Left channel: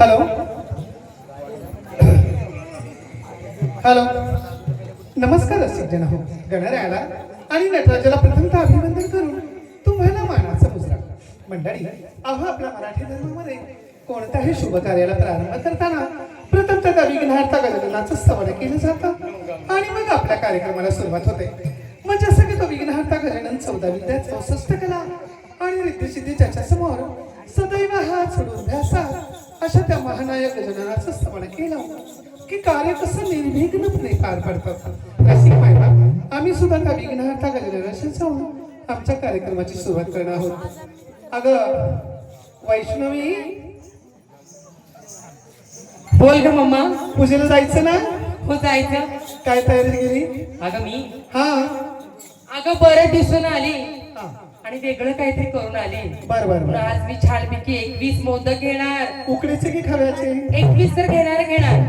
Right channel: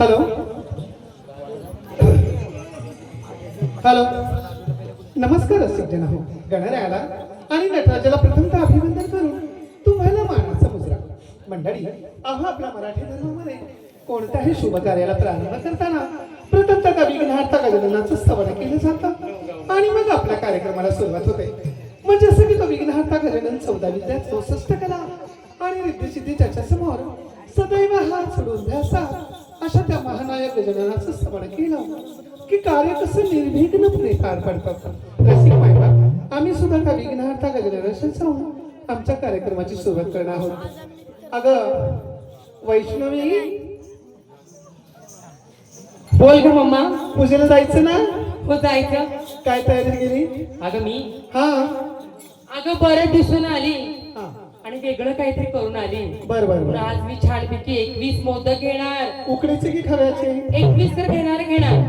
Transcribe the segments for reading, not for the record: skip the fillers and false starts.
Hello hello, नमस्कार रसिक जन हो. गणरायाला आणि नटराजाला प्रथमतः अभिवंदन करून तुम्हाला मानाचा मुजरा. मंडळी, आपल्या मराठी धर्मामध्ये कोणत्याही शुभ कार्याला प्रारंभ करताना प्रथमतः विघ्नहर्ता गजाननाचं स्तवन केलं जातं आणि मग आपल्या कार्यक्रमाला सुरुवात होते. म्हणजे असं की तो विघ्नहर्ता गजानन 14 विद्या 64 कला आणि रिद्धिसिद्धी त्याच्या समोर सदैव हात सोडून द्यासात अशा त्या महानायक गजाननाचं स्तवन केलं की कार्य कसं निर्विघ्नपणे पार पडतं. रसिक महिला, आम्ही सुद्धा त्या विघ्नहर्ता गजाननाशी जाऊन आमच्या कार्यक्रमाची सुरुवात करणार आहोत. अगं वैष्णवी, बोल ग मम्मा. पूजेला जायचं ना? हो जायचं. काय तयारी केली? अगं मी हा अगं बरेच दिसून आली हा, आणि वेगळं काहीतरी करून आली. बर बर बर. आज मी छानपैकी 21 मोदक घेणार. उकडीचे की खव्याचे? 21 तर घेणार.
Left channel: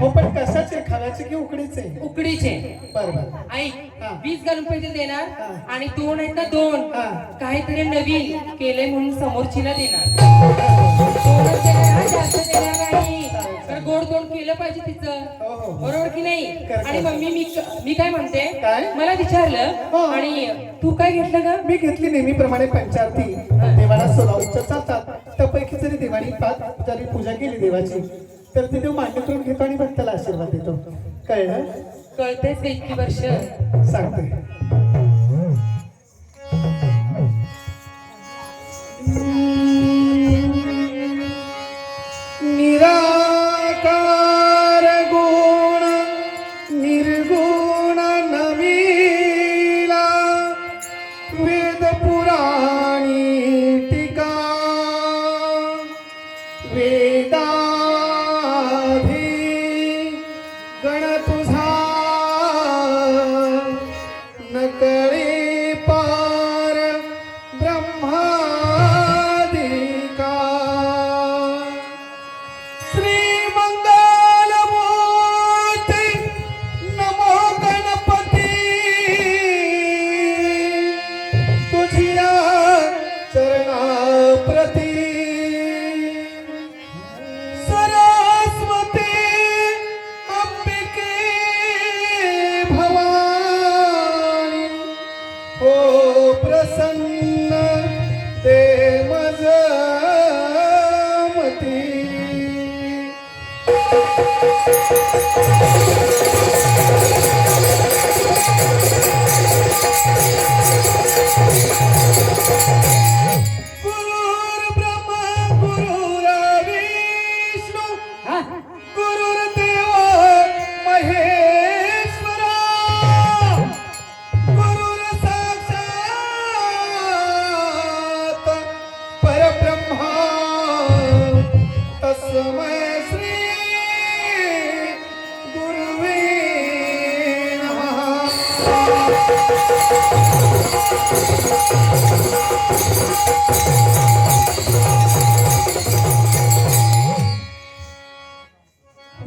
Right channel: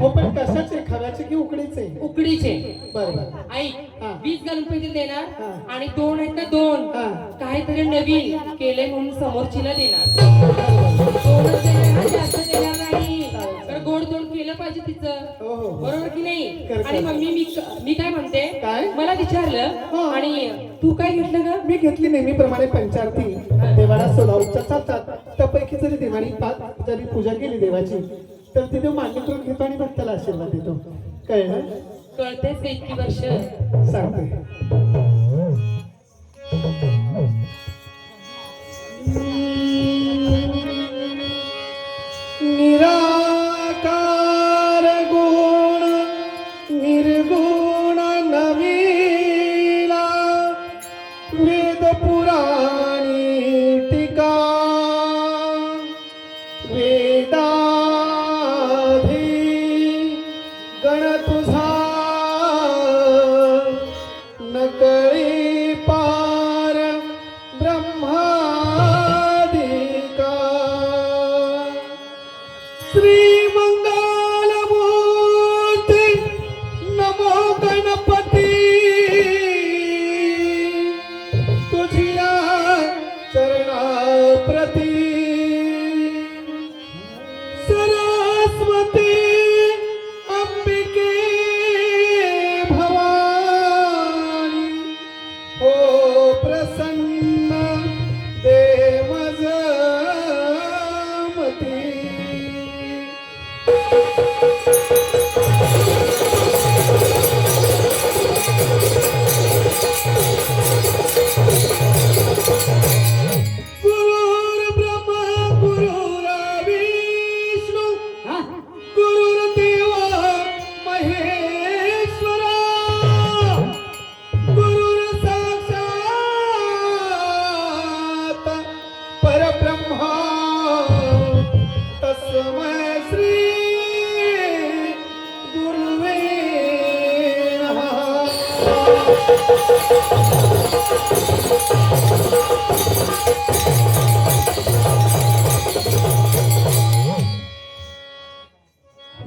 हो, पण कशाचे? खव्याचे की उकडीचे? उकडीचे. बर बर. ऐक, हा. 20 घालून पैसे देणार हा. आणि 2 आहेत ना 2 हा. काहीतरी नवीन केलंय म्हणून समोरचीला देणार. 2च देणार हा, जास्त देणार नाही. तर गोड तोंड केलं पाहिजे तिचं, हो हो हो. बरोबर की नाही? कर. आणि मम्मी मी काय म्हणते, काय? मला विचारलं हो. आणि तू काय घेतलं का? मी घेतली नेहमीप्रमाणे पंचारती. देवाला सोलावच्या चालतात, त्यापैकी जरी देवानी जरी पूजा केली देवाची तर ते देव मान्य करून घेतो आणि भक्ताला आशीर्वाद देतो. कळलं? कळतेच इतकी वर्ष. सांगते. निराकार गुण निर्गुण नवीला वेद पुराणी टीका वेदाधी गण तुझा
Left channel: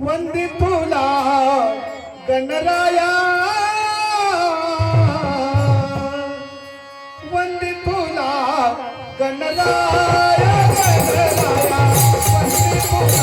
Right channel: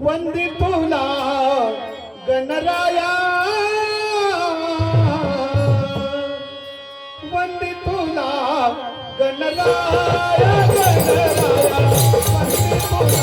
वंदे तुला गणराया, वंदे तुला गणराया, गणराया, वंदे तुला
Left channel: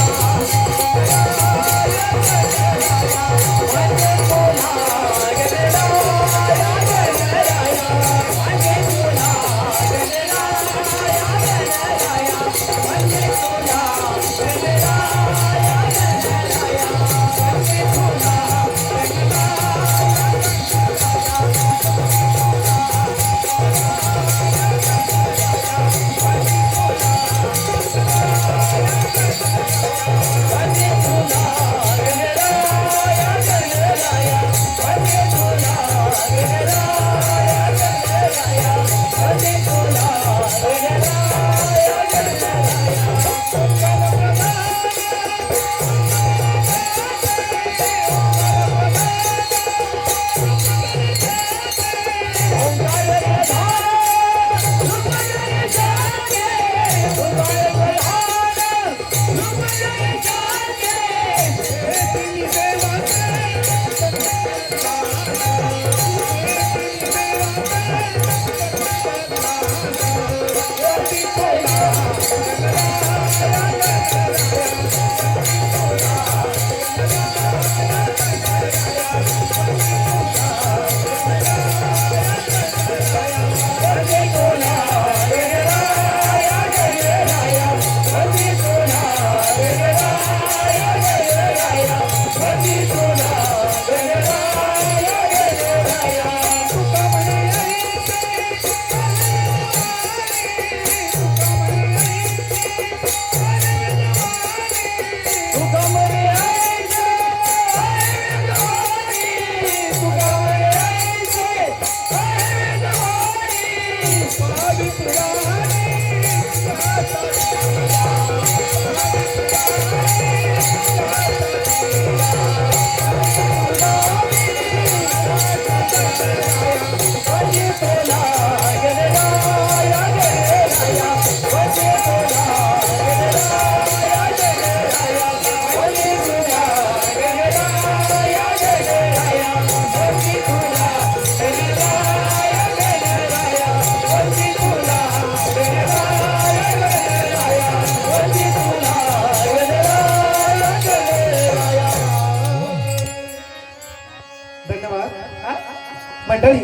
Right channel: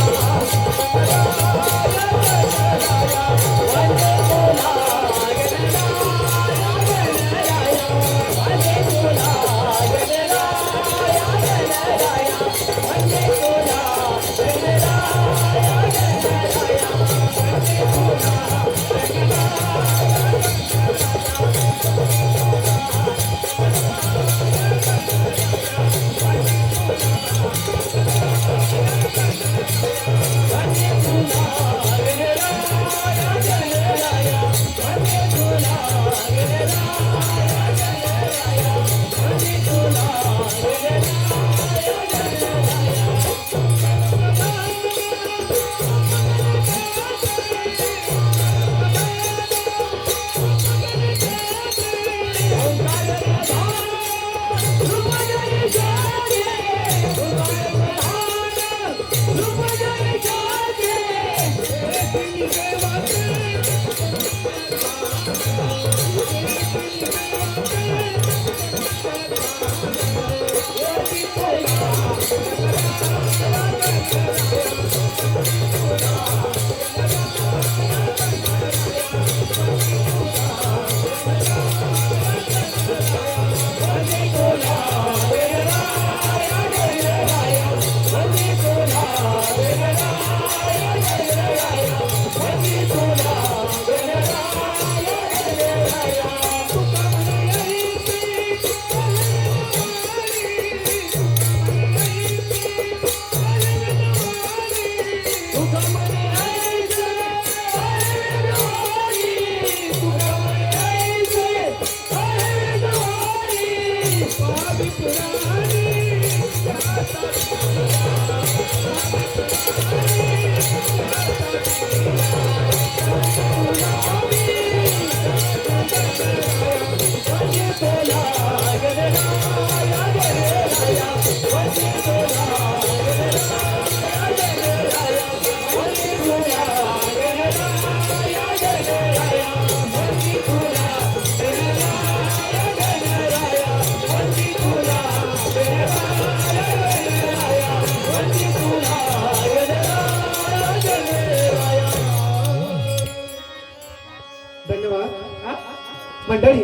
मंडळी,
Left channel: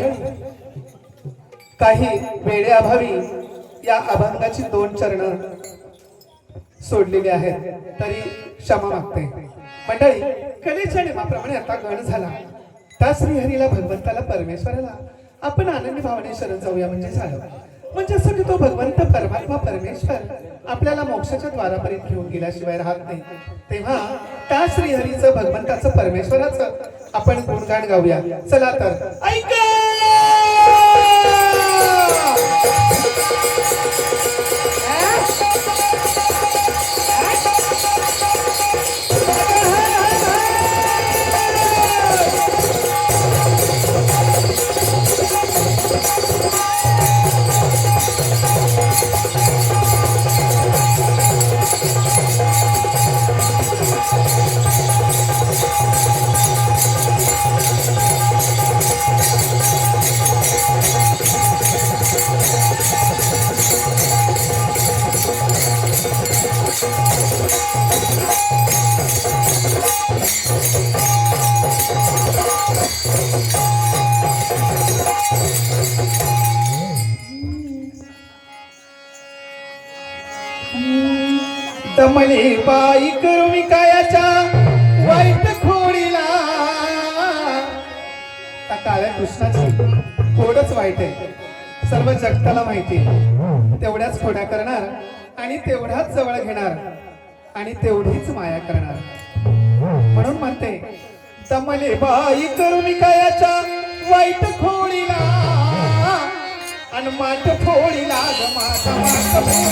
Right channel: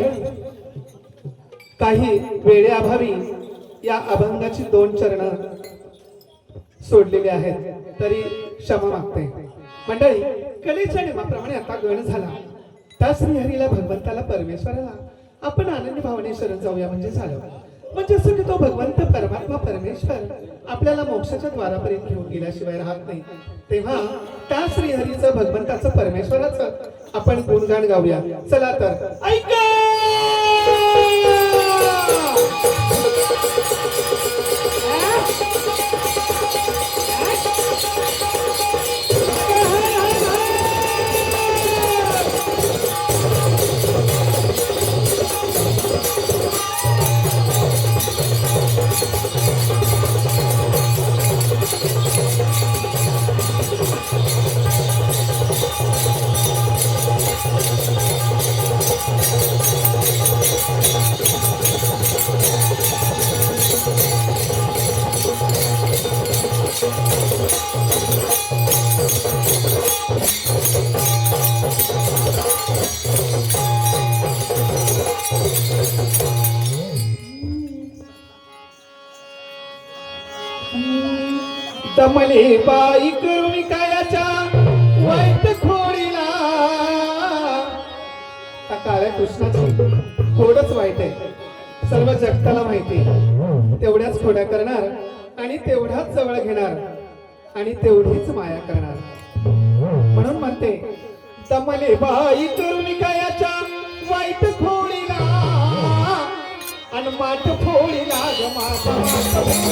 काही वेळेअभावी या अभंगाची 2 चरण सोडलेली आहेत, तरी क्षमा मागते. मंडळी, कलेच्या नियमाप्रमाणे आता गण झाला. त्या श्रीहरीला, भगवंताला, परमेश्वराला आपण आनंदी भावने शरण जाऊया म्हणजे झालं. म्हणजे असं की तो भगवंत परमात्मा परमेश्वर आपल्याला मोक्षाच्या द्वारापर्यंत घेऊन गेल्याशिवाय राहत नाही. तेव्हा त्या श्रीहरीचं, भगवंताचं, परमेश्वराचं आपण गुणगान गाऊया. चला तर ऐका. दमले बाई करुणी कायाच्या वाईट खोडीला. त्या काळ्या कृष्णाची खोडच वाईट आहे, सर्व जगताला माहिती. तेवढ्याच खोड्या करणार आणि तेवढाच जवळ घेणार आणि तेवढीच माया करणार. म्हणून म्हणते, दमले बाई करुणी कायाच्या वाईट खोडीला आणि माठ फोडीला ग माझा माठ.